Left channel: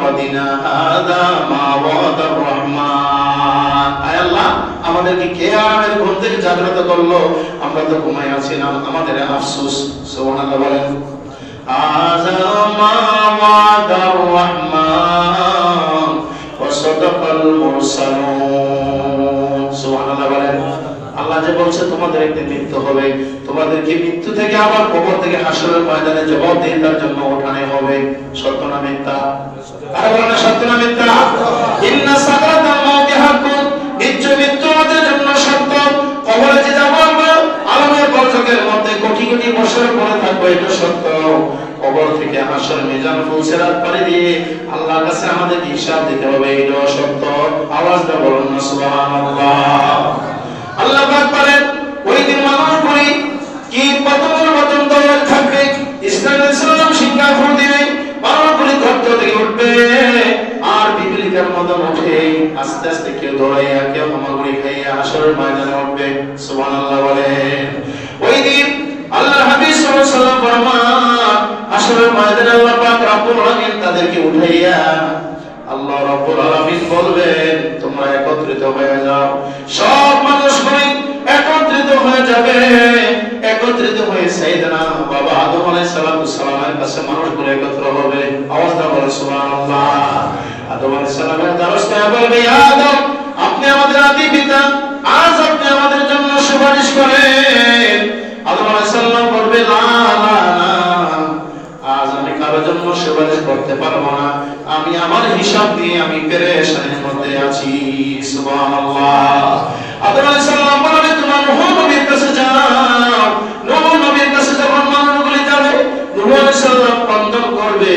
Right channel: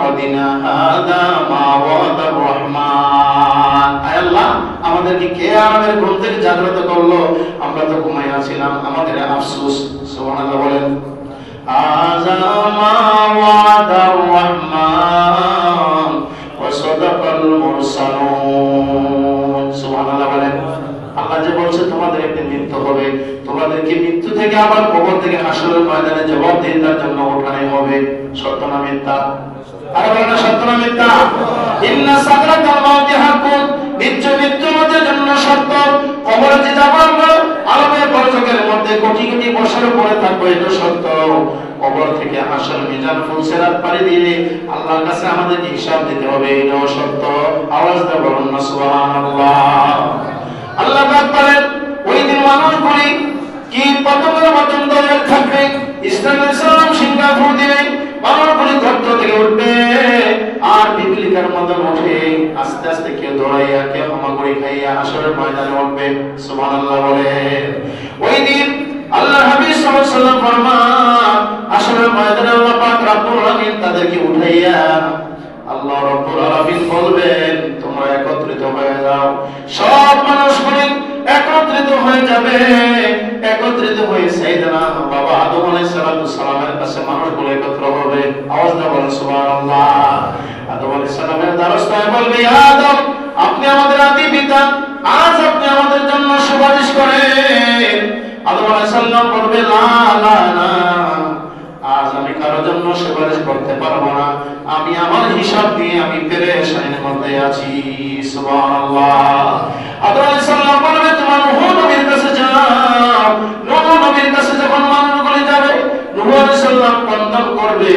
মাকদিনা হাযা মা ওয়াদার রহমান। আয় আল্লাহ, আমাদেরকে কে আমাদের ঘুম থেকে জাগ্রত করলো? আমরা তো ঘুমায় আছিলাম, আমাদের আফসোস। সুবহানাল্লাহ বলেন। হাযা মা ওয়াদার রহমান ওয়া সাদাকাল মুরসালুন। সুবহানাল্লাহ বলেন। আল্লাহ যে বলছে তোমাদের একদিন মৃত্যু হবে, তোমাদেরকে মৃত্যু থেকে আবার কবর থেকে হাসরের ময়দানে জবাবদিহিতার জন্য ওঠানো হবে। সত্য না মিথ্যা? আরে বলেন সত্য না মিথ্যা? ইন্না সাকরাতাল মাউতি হাক্কুন, নিশ্চয় মৃত্যু আমাদের জন্য সত্য। কবরে যে যাবার আলমের বরজকের মধ্যে কোটি কোটি বছর পরে থাকবে, এটা সত্য। কবর থেকে হাসর মিজান ফুলসিরাত পাড়ি দিয়ে আল্লাহর কাছে আমাদেরকে হিসাব দিতে হবে, এটাও সত্য। আওয়াজ দাও বলুন না সুবহানাল্লাহ। আল্লাহ পাক বলেন, ওই দিন মানুষগুলি কি পতঙ্গের মতন দৌড়ে থাকবে। ইসলামের সালাম সিঙ্গাপুর দিবে, মানুষগুলি গর্ত থেকে উঠবে আর পিপিলিকার মতন উঠে আস্তে আস্তে কেউ দৌড়াইয়া কেউ হামাগুড়ি খাইয়া হাসরের ময়দানে উঠবে। সুবহানাল্লাহ বলেন। ওই দিন আল্লাহ হাবিব সাল্লাল্লাহু আলাইহি ওয়াসাল্লাম ফরমান, হাসরের ময়দানে আল্লাহ পাক রব্বুল আলামিন তাদেরকে উঠাইয়া আল্লাহ রাব্বুল আলামিন বলবেন, তোমরা একত্রিত হয়ে যাও। সব মানুষগুলি একত্রিত হয়ে যাবে। একত্রিত হয়ে সাইয়েদনা বাবা আদম আলাইহিস সালামের কাছে মানুষগুলো একত্র হবে। আওয়াজ দাও বলেন সুবহানাল্লাহ। আদম আলাইহিস সালামের দ্বারস্থায় বলবে, ইয়া আদম, আপনি আমাদের আদি পিতা, আজ আপনি আমাদের জন্য সুপারিশ করেন। আদম আলাইহিস সালাম বলবে, না না না, আজ আমি কারোর জন্য সুপারিশ করতে পারবো না, আমি আমার হিসাব দিয়ে আমি পেরেশানির মধ্যে আছি। সুবহানাল্লাহ। আদম আলাইহিস সালাম বলবে, তোমার নূহ নবীর কাছে যাও। নূহ নবীর কাছে যখন মানুষগুলি যাবে, নূহ আলাইহিস সালাম ক্রন্দন করবে।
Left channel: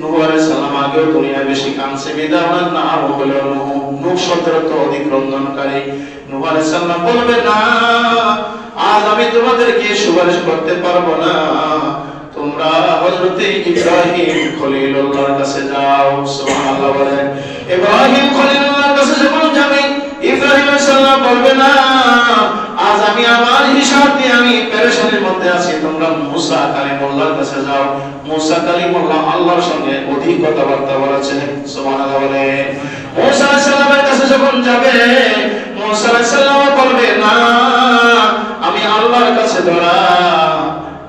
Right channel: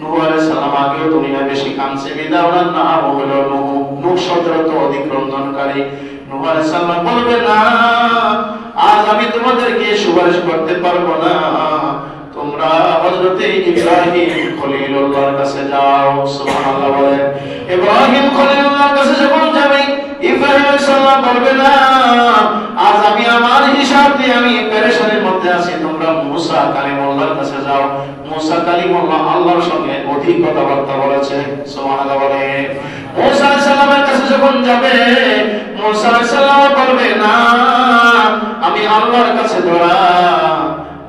নূহ আলাইহিস সালাম আগেও দুনিয়ায় বেশি কাঁদছে, বিদায় ওনার নাম হলো নূহ। নূহ শব্দের অর্থ অধিক ক্রন্দনকারী। নূহ আলাইহিস সালাম বলবে, না, আজ আমি তোমাদেরকে সুপারিশ করতে পারবো না, তোমরা হযরত ইব্রাহিম খলিলুল্লাহর কাছে যাও। সুবহানাল্লাহ বলেন। ইব্রাহিম খলিলুল্লাহর কাছে যখন যাবে, ইব্রাহিম আলাইহিস সালাম বলবে, না, আজ আমি আমার হিসাব দিয়ে আমি পেরেশানির মধ্যে আছি, তোমরা মুসা কালিমুল্লাহর কাছে যাও। মুসা কালিমুল্লাহ আল্লাহর সঙ্গে অধিক কথাবার্তা বলেছে। সুবহানাল্লাহ বলেন। মুসা আলাইহিস সালামের কাছে যখন যাবে, মুসা আলাইহিস সালাম বলবে, না, আমি আল্লাহর কাছে ধরা,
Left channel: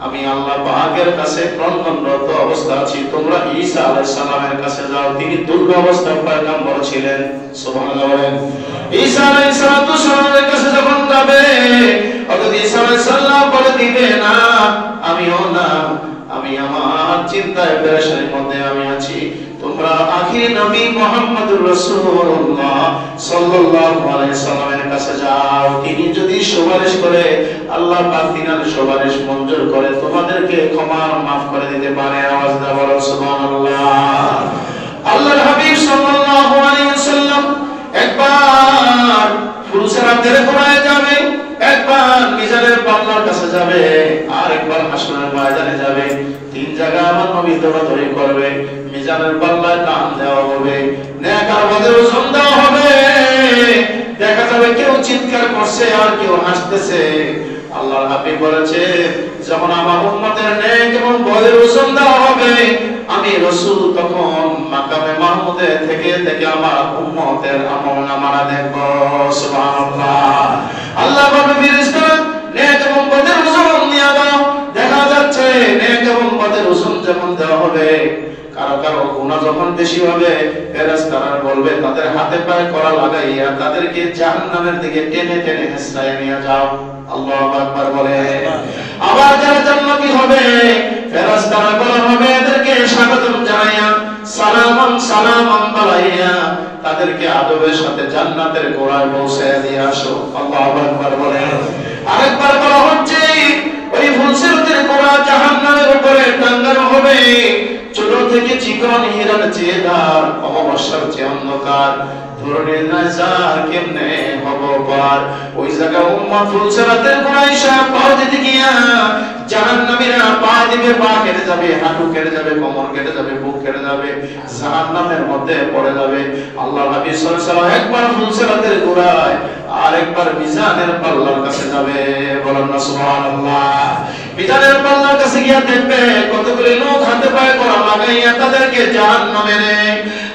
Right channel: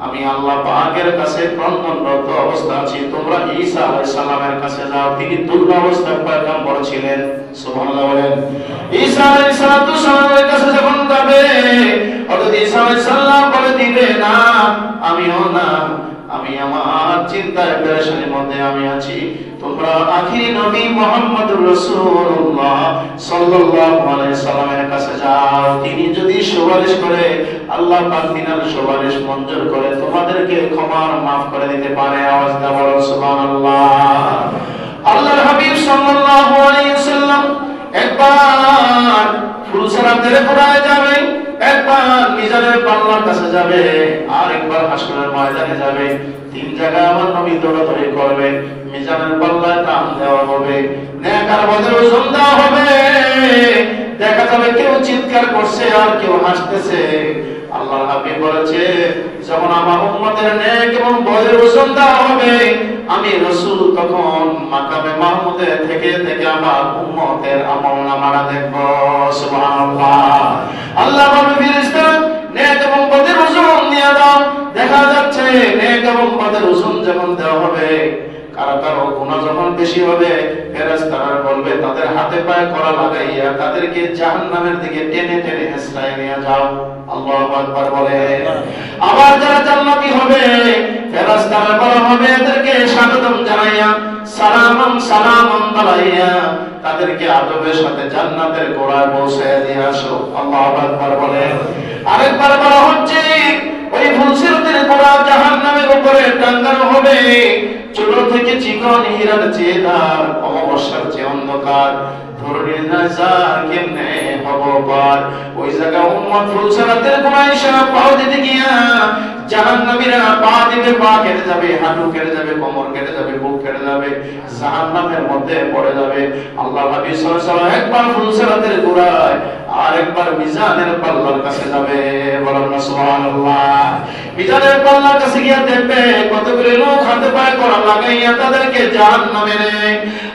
আমি আল্লাহ পাকের কাছে ক্রন্দনরত অবস্থা আছি, তোমরা ঈসা আলাইহিস সালামের কাছে যাও, তিনি দুর্বল অবস্থায় পয়গম্বর ছিলেন। সুবহানাল্লাহ বলেন। ঈসা আলাইহিস সালামের কাছে যখন যাবে, হযরত ঈসা আলাইহিস সালাম বলে দিবে, না, আমিও না, আমি আমার চিন্তায় পেরেশানির মধ্যে আমি আছি, তোমরা আখির নবী মুহাম্মদুর রাসূলুল্লাহ সাল্লাল্লাহু আলাইহি সাল্লামের কাছে যাও, তিনি যদি সুপারিশ করে আল্লাহ পাক তিনার সুপারিশ মঞ্জুর করে তোমাদেরকে ক্ষমা মাফ করে দিতে পারে। আওয়াজ দাও বলো সুবহানাল্লাহ। আল্লাহর হাবিব সাল্লাল্লাহু আলাইহি ওয়াসাল্লাম একবার ফুলসিরাতের কোরায় যাবে, একবার মিজানের পাল্লার কাছে যাবে, আর একবার হাসরের ময়দানে যাবে। তিন জায়গায় আমার নবী দৌড়াদৌড়ি করবে। মিজানের পাল্লায় টান দেওয়া হবে, নেক আর বদের ওজন দেওয়া হবে। দেখা যাবে কেউ চিৎকার করছে আর কেউ হাসতেছে। আল্লাহর হাবিব বলেছে, যখন আমার উম্মতের নেক এবং বদের ওজন দেওয়া হবে, আমি রাসূল তখন মাকামে মাহমুদে থেকে থেকে আমার উম্মতের আমলনামাটা দেখব। সুবহানাল্লাহ। আল্লাহ বলবে, ফেরেশতারা নেক এবং বদের ওজন নিয়ে দাও। দেখা যাচ্ছে নেক এবং বদের ওজন যখন দেওয়া হবে, কারো কারো গুনাহ যখন বেশি হবে, ফেরেশতারা বলবে তাদের হাতে পায়ে কড়া লাগাইয়া তাদেরকে জাহান্নামের দিকে টেনে টেনে হেঁচড়ায় নিয়ে যাও। আল্লাহু আকবার বলে। আবার যারা জান্নাতি হবে, ফেরেশতারা বলা হবে এদেরকে স্বাগতম জানাইয়া সালামান সালামান বলাইয়া তাদেরকে আদবের সাথে জান্নাতের গোড়ায় পৌঁছায় দিয়ে আসো। আল্লাহু আকবার বলে। আরেকবার বলা হচ্ছে, ওই ফুলসিরাতের গোড়া জাহান্নামের উপরে টাঙ্গানো হবে। ছোট থেকে চিকন হীরার চেয়ে দার, অমাবস্যার চেয়ে অন্ধকার, ধরনের নাজার কেমনে হব পার। ওই জায়গা উম্মত ফুলসিরাতের গোড়ায় সব পাও দিতে গিয়া জাহান্নামীরা পা দিবে, পা কেটে যাবে, হাঁটু কেটে যাবে, কোমর কেটে যাবে, বুক কেটে যাবে, জাহান্নামের মধ্যে পড়ে যাবে। আল্লাহ নবী সাল্লাল্লাহু আলাইহি ওয়াসাল্লাম একবার ফুলসিরাতের গোড়ায় আর একবার মিজানের পাল্লার কাছে যাবে। বলেন না সুবহানাল্লাহ। মিজানের পাল্লার কাছে গিয়া দেখবে কতগুলো লোক হাতে পায়ে কড়া লাগাইয়া তাদেরকে জাহান্নামে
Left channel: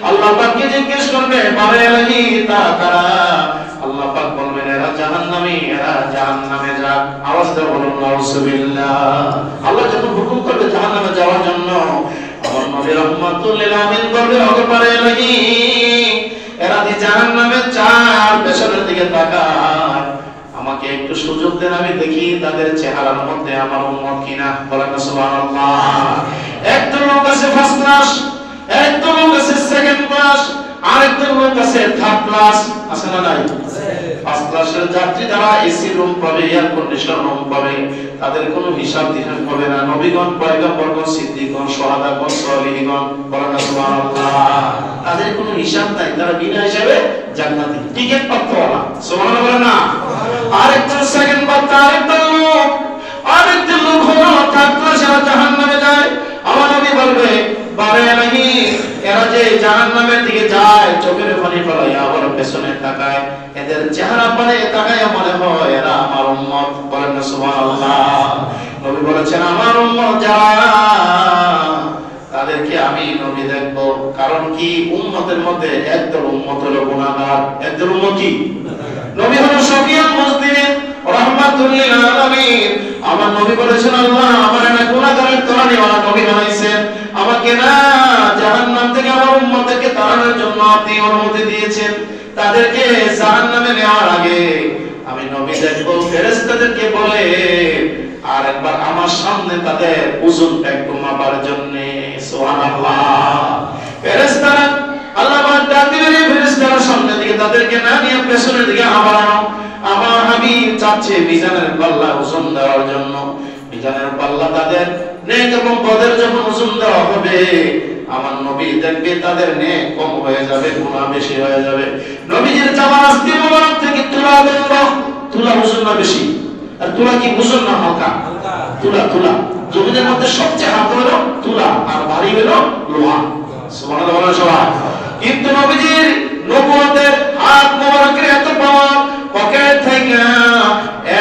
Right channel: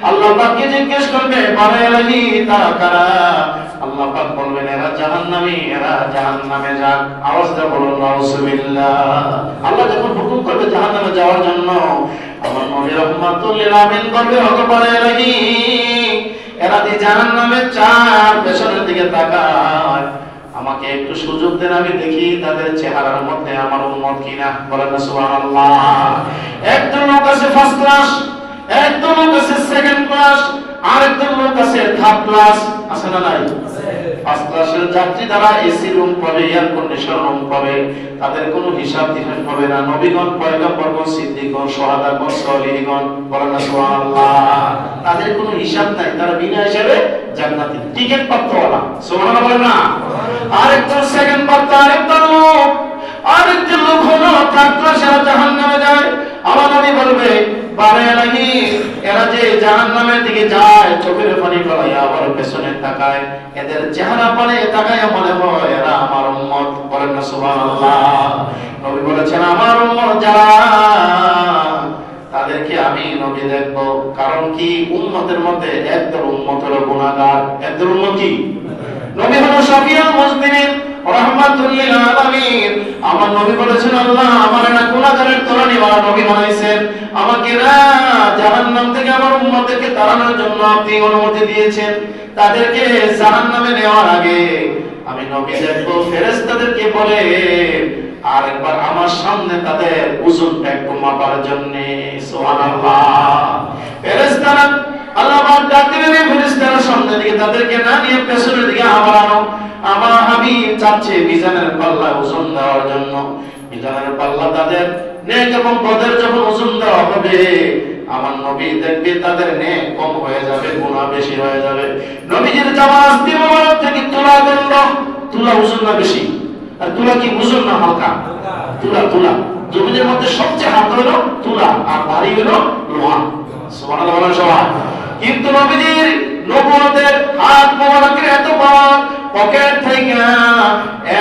আল্লাহ পাককে জিজ্ঞেস করবে বারে এলাহি তারা কারা? আল্লাহ পাক বলবেন এরা জাহান্নামী, এরা জাহান্নামে যাক। আওয়াজটা বলুন নাউযুবিল্লাহ। আল্লাহ যখন হুকুম করবে জাহান্নামে যাওয়ার জন্য, আমার নবী রাহমাতুল লিল আলামিন বলবে ওগো বারে এলাহি এরা যে জাহান্নামে চার পেছনের দিকে তাকায়, আমাকে একটু সুযোগ দেন আমি দেখি তাদের চেহারার মধ্যে আমার উম্মত কিনা। বলেন না সুবহানাল্লাহ। একজন লোক আছে ফার্স্ট ক্লাস, একজন লোক আছে সেকেন্ড ক্লাস, আরেকজন লোক আছে থার্ড ক্লাস। আছে না নাই? ফার্স্ট ক্লাসের যাত্রী যারা এসি রুম পাবে, এয়ার কন্ডিশন রুম পাবে, তাদের কোনো হিসাব দিবেন হবে না। নবীগণ, পয়গম্বরগণ, সিদ্দিকগণ, শুহাদাগণ, সালিহগণ, বলেন না সুবহানাল্লাহ। তাদের কোনো হিসাব নাই, তারা বিনা হিসাবে জান্নাতি টিকিট প্রাপ্তওয়ালা। সুবহানাল্লাহ বলেন না। আরেকজন সেকেন্ড প্রাপ্ত, আরেকজন লোক হলো থার্ড ক্লাসে জাহান্নামে যায়। আমার নবী বলবে বারে এলাহি এরা যে জাহান্নামের দিকে যায় চোখের পানি ফেলাইয়া আবার পেছনে তাকায়, এদের চেহারা পানে তাকাইয়া মনে হয় এরা আমার উম্মত। বলেন না সুবহানাল্লাহ। নবী বলেছেন আমার উম্মত যারা তাদেরকে আমি নবী দেখব। কারণ কি? উম্মতের মধ্যে একদল উম্মত হলো গুনাহগার, একদল উম্মত কি? নবী হলো শফিউল মুসলিমিন রাহমাতুল লিল আলামিন। আমার নবী বলেছেন আল্লাহ আমার না গুনাহগারের তরণীওয়ালা নবী বানাইছেন, আমাকে না জাহান্নাম থেকে আমার উম্মতকে তাড়ানোর জন্য আপনি অনুমতি দিয়েছেন। তাদেরকে জাহান্নামে নেওয়ার আগে আমি নবী দেখব ফেরেশতাদেরকে বলে আর একবার আমার সামনে তাদের ওজনটা একটু মাপার জন্য। সুবহানাল্লাহ। ফেরেশতারা আল্লাহ পাক ডাক দিবেন ফেরেশতারা সামনের দিকে তাদেরকে না নিয়ে পেছনের দিকে আবারও আমার হাবিব চাচ্ছে মিজানের পাল্লা ওজন দেওয়ার জন্য। মিজানের পাল্লা তাদের নেক এবং বদের যখন ওজন দেওয়া হবে, আমার নবী দেখবে তাদের নেক কম হয়ে যাবে, গুনাহ বেশি হয়ে যাবে। নবীজির জামা আস্তি মোবারক থেকে তুলা দণ্ড, তুলা ওজন না বেশি, আর তুলা কি ওজন না হালকা? তুলা জমিনের মধ্যে সবচেয়ে হালকা হলো তুলা, আর ভারী হলো লোহা। সুবহানাল্লাহ বলেন সবাই। কিন্তু নবীজির নবুয়তের হাত মোবারকের এত পাওয়ার, পকেট থেকে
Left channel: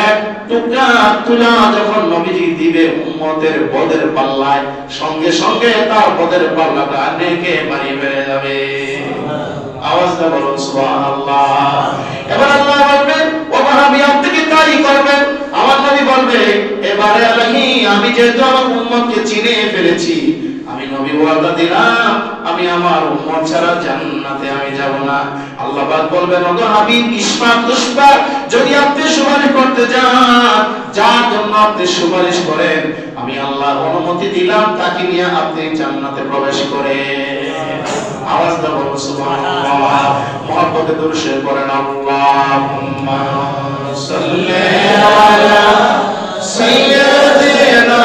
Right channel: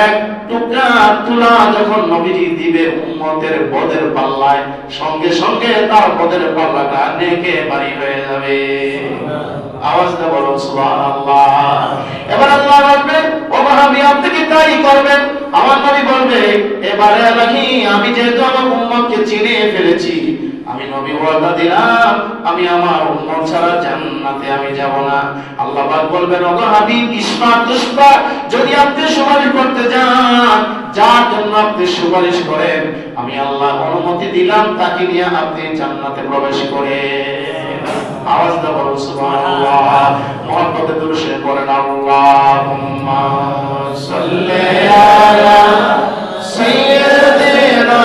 এক টুকরা তুলা যখন নবীজি দিবে উম্মতের বদের পাল্লায়, সঙ্গে সঙ্গে তার বদের পাল্লাটা নেকে ভারী হয়ে যাবে। আওয়াজটা বলুন সুবহানাল্লাহ। এবার আল্লাহ বলবেন ও মাহাবি আপনি কি তাই করবেন? আমার নবী বলবে এবারে আলাহি আমি যেহেতু আমার উম্মতকে চিনে ফেলেছি, আমি নবী ওয়াদা দিলাম আমি আমার উম্মত ছাড়া জান্নাতে আমি যাব না। আল্লাহ পাক বলবেন ওগো হাবিব ইসফাক তুসফাক, যদি আপনি সুপারিশ করতে যান, যার জন্য আপনি সুপারিশ করেন, আমি আল্লাহ অনুমতি দিলাম তাকে নিয়ে আপনি জান্নাতে প্রবেশ করেন। আওয়াজ দাও বলুন সুবহানাল্লাহ। মুহাব্বতে দুরূদ শরীফ পড়েন আল্লাহুম্মা সাল্লি আলা সাইয়্যিদিনা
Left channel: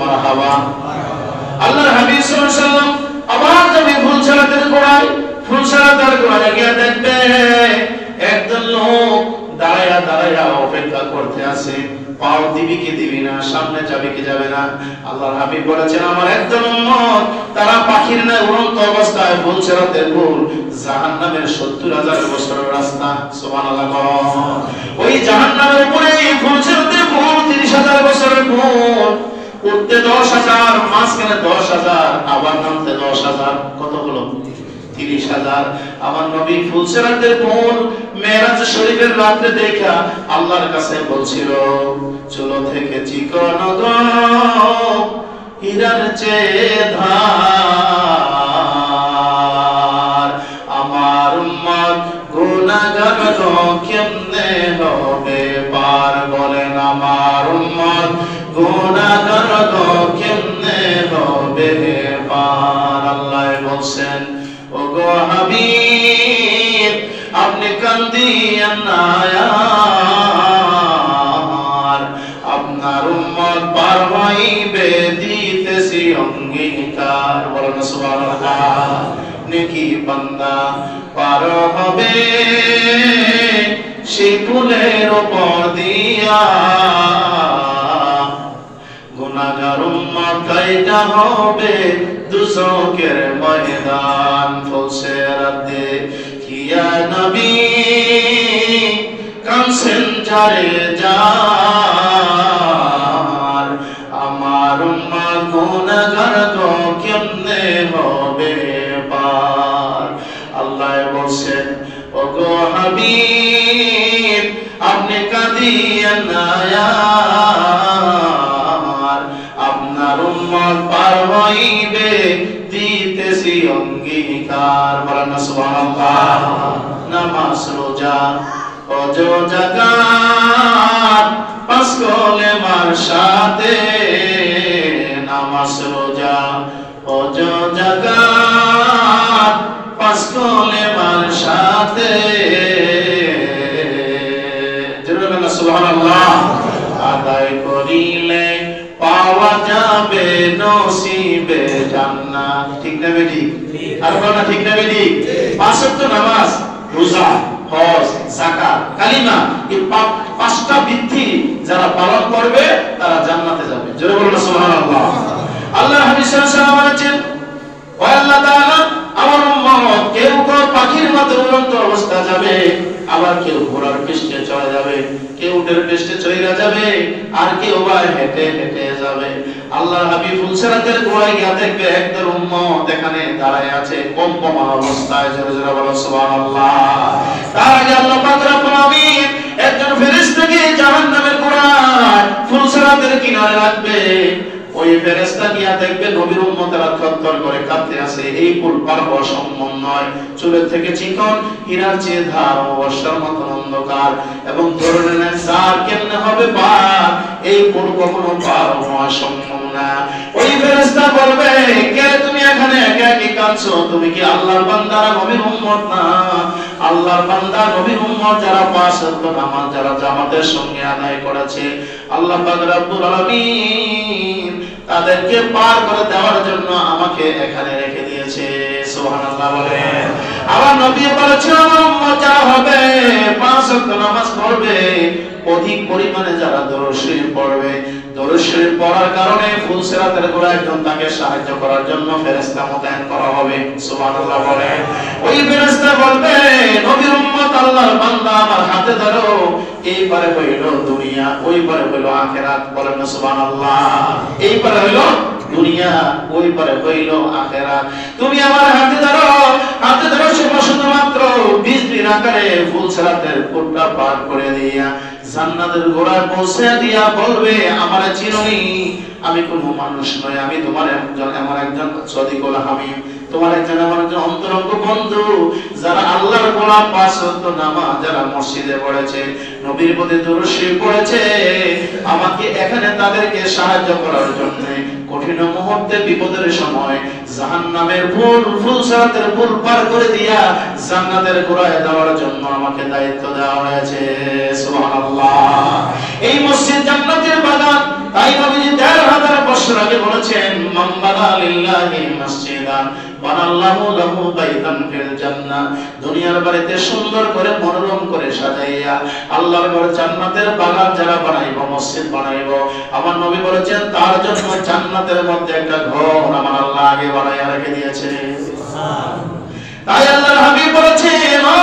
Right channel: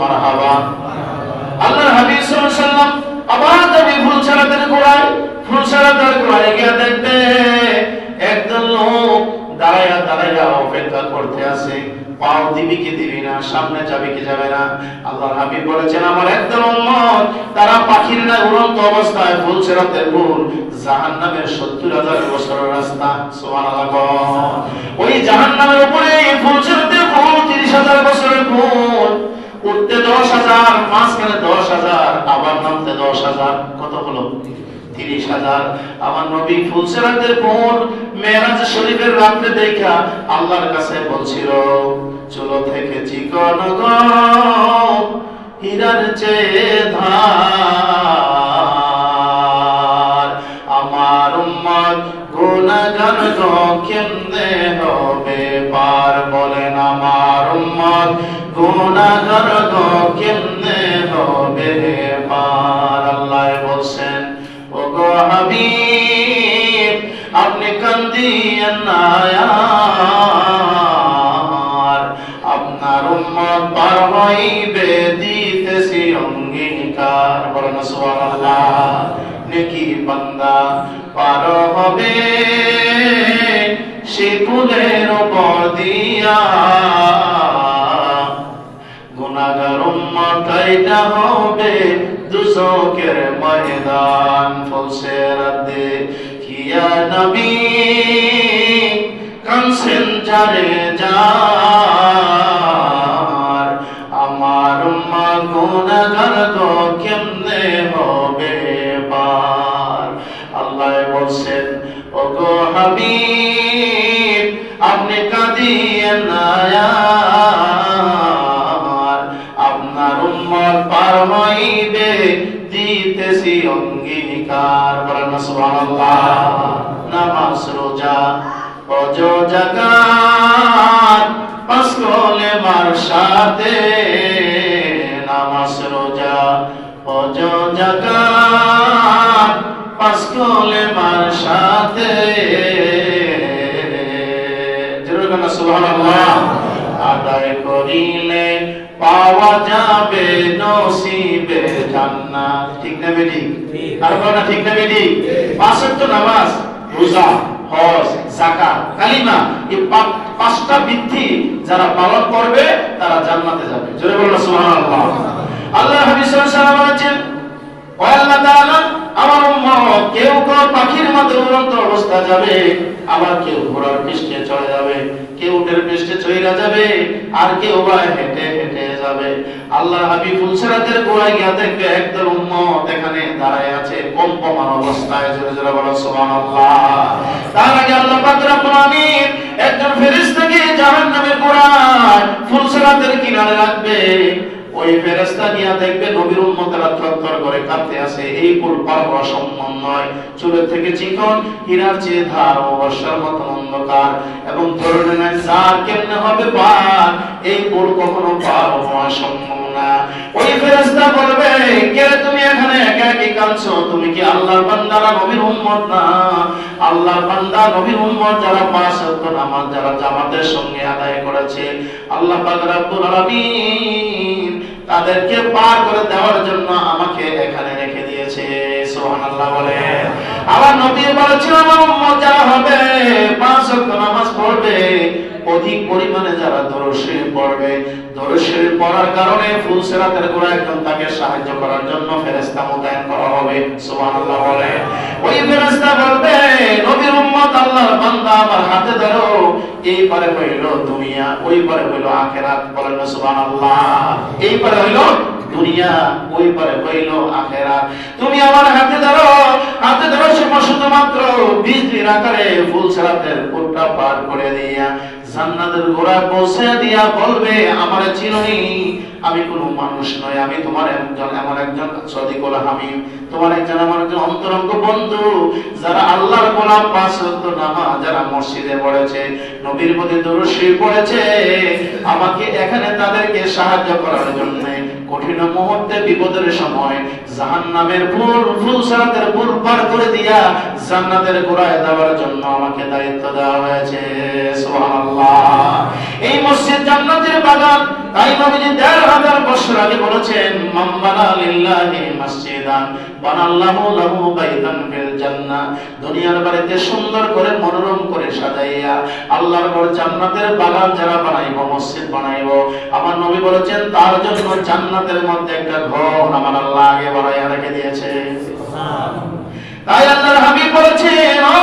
মারহাবা। আল্লাহর হাবিব সাল্লাল্লাহু আলাইহি ওয়াসাল্লাম আবার যবে ফুলছড়াদের গোড়ায় গিয়ে দেখবে একদল লোক দাঁড়ায়া অপেক্ষা করতে আছে, পাও দিবি কি দিবি না, সামনে যাবে কি যাবে না। আল্লাহর হাবিব বলেছেন আমার একদল উম্মত তারা পাখির না উড়ন্ত অবস্থায় ফুলছড়াতে ফুল জাহান্নামের ৭০,০০০ বছরের রাস্তা। সুবহানাল্লাহ। ওই জাহান্নামের উপরে ফুলছড়াতে ফুল ৩০,০০০ বছরের ফুল, উঠতে ১০,০০০, মাঝখানে ১০,০০০, আবার নামতে ১০,০০০, কত হলো? ৩০,০০০। আমার নবী ফুলছড়াদের ফুল মেরাজ শরীফের রাতে দেখা আল্লাহর কাছে বলছিল চলো থেকে চিকন গো হীরার চেয়ে ধার, আমার উম্মত গুনাহগার গো কেমনে হবে পার। বলেন আমার উম্মত গুনাহগার গো কেমনে হবে পার। আল্লাহ বলছেন ওগো হাবিব আপনি কান্দিয়েন না, আপনার উম্মত পার হইবে দিতেছি অঙ্গীকার। বলেন সুবহানাল্লাহ। নেকি বান্দা পার হবে সেই পুলের উপর দিয়া, গুনাহগার উম্মত কাইটা হবে দুজকের ময়দান ফুলসেরাতে কিয়া নবী কানসেন যারে যার আমার উম্মত গুনাহগার গো কেমনে হবে পার আল্লাহ বলছেন ওগো হাবিব আপনি কাঁদিয়েন না আপনার উম্মত পার হইবে দিতেছি অঙ্গীকার বলেন সুবহানাল্লাহ নামাজ রোজা ওজো জাকাত পাঁচ কলেমার সাথে নামাজ রোজা ওজো জাকাত পাঁচ কলেমার সাথে সুবহানাল্লাহ আদায় করিলে পাওয়া যাবে নসিবে জান্নাত ঠিক না বেটি আর বলা ঠিক না বেটি পাঁচ ওয়াক্ত নামাজ রোজা হজ যাকাত কালিমা এই পাঁচটা বিধি যারা পালন করবে তারা জান্নাতে যাবে জোরে বলুন সুবহানাল্লাহ আল্লাহ হাবিব সাল্লাল্লাহু আলাইহি ওয়াসাল্লাম বলেছেন ও আল্লাহ তাআলা আমার উম্মত কেউ কোন পাখির মতো উড়ন্ত অবস্থা যাবে আবার কেউ ঘোড়ার পৃষ্ঠে চড়ে যাবে কেউ উটের পৃষ্ঠে চড়ে যাবে আর কেউ বা হেঁটে হেঁটে যাবে আল্লাহর হাবিব ফুলসিরাতের গোড়ায় গিয়ে দেখবে একদল উম্মত এখানে দাঁড়ায় আছে কম্পমান অবস্থায় জোরে জোরে বলো সুবহানাল্লাহ তার আগে আল্লাহ পাক রব্বুল আলামিন একজন ফেরেশতাকে জাহান্নামের গোড়ায় ফুলসিরাতের কিনারে রাখবে ওই ফেরেশতা গিয়া দেখবে নবীর উম্মতেরা থরথর করে কাঁপতে আছে এই পুল পার হওয়া সম্ভব নয় চুলের থেকে চিকন হীরার চেয়ে ধার বর্ষার মতো অন্ধকার এবং ধরে নেন যার কেমনে হবে পার এই পুল কখনো পার হওয়া সম্ভব না ওই ফেরেশতা বলবে কে তুমি এখানে একা কি কাঁদছো তুমি কি আল্লাহর বান্দা না নবীর উম্মত না আল্লাহর বান্দা নবীর উম্মত যারা পাঁচ ওয়াক্ত নামাজ যারা জামাতের সঙ্গে আদায় করেছে আল্লাহ পাক রব্বুল আলামিন তাদেরকে পার করে দেওয়ার জন্য আমাকে এখানে রেখে দিয়েছে সুবহানাল্লাহ বলেন আমার নবী বলেছেন আমার উম্মত যারা হবে পাঁচ ওয়াক্ত নামাজ পড়বে অধিক পরিমাণে যারা দরুদ শরীফ পড়বে দরুদ শরীফ পড়ার কারণে ফুলসিরাতের গোড়ায় একজন তাকে সাহায্য করার জন্য ফেরেশতা মোতায়েন করা হবে সুবহানাল্লাহ বলেন ওই ফেরেশতা বলবে নবীর উম্মত আল্লাহর বান্দা আমার হাতে ধরো এই পারে হইল দুনিয়া ওই পারে হইল আখিরাত বলেন সুবহানাল্লাহ এই পারে হইল দুনিয়া ওই পারে হইল আখিরাত তুমি আমার হাতে ধরো শুধুমাত্র বিজলির আকারে ফুলসিরাতের পুরটা পার করে দিয়া জান্নাতের গোড়ায় পৌঁছে দিয়া বলবে আমার চিরনি আমি কোনো মানুষ নই আমি তোমার একজন সদিকুল হাবিব তোমার আমার একজন অন্তরঙ্গ বন্ধু যারা আল্লাহর গোলাম পাঁচ ওয়াক্ত নামাজ যারা মসজিদে পড়েছে নবীর প্রতি দরুদ শরীফ পড়েছে আমাকে এখানে তাদেরকে সাহায্য করার জন্য কঠিন মুহূর্তে বিপদের সময় জাহান্নামের ফুলসিরাতের পুল পার করে দিয়া জান্নাতের গোড়ায় দেওয়ার জন্য আমাকে দায়িত্ব দেওয়া হয়েছে সুবহানাল্লাহ এই মসজিদ জান্নাতের বাগান তাই নবীজি ১৫০০ বছর আগে বলেছেন মান বানা লিল্লাহি মসজিদান বানাল্লাহু লাহু বাইতান ফিল জান্নাহ দুনিয়ার বাড়িতে সুন্দর করে মনোরম করে সাজাইয়া আল্লাহর ঘর জান্নাতের বাগান যারা বানাইবো মসজিদ বানাইবো আমার নবী বলেছেন তার জন্য জান্নাতের মধ্যে একটা ঘর আমার আল্লাহ আগে বানাইয়া রেখে দিয়েছে সুবহানাল্লাহ তাই আল্লাহর হাবিব বলেছেন ও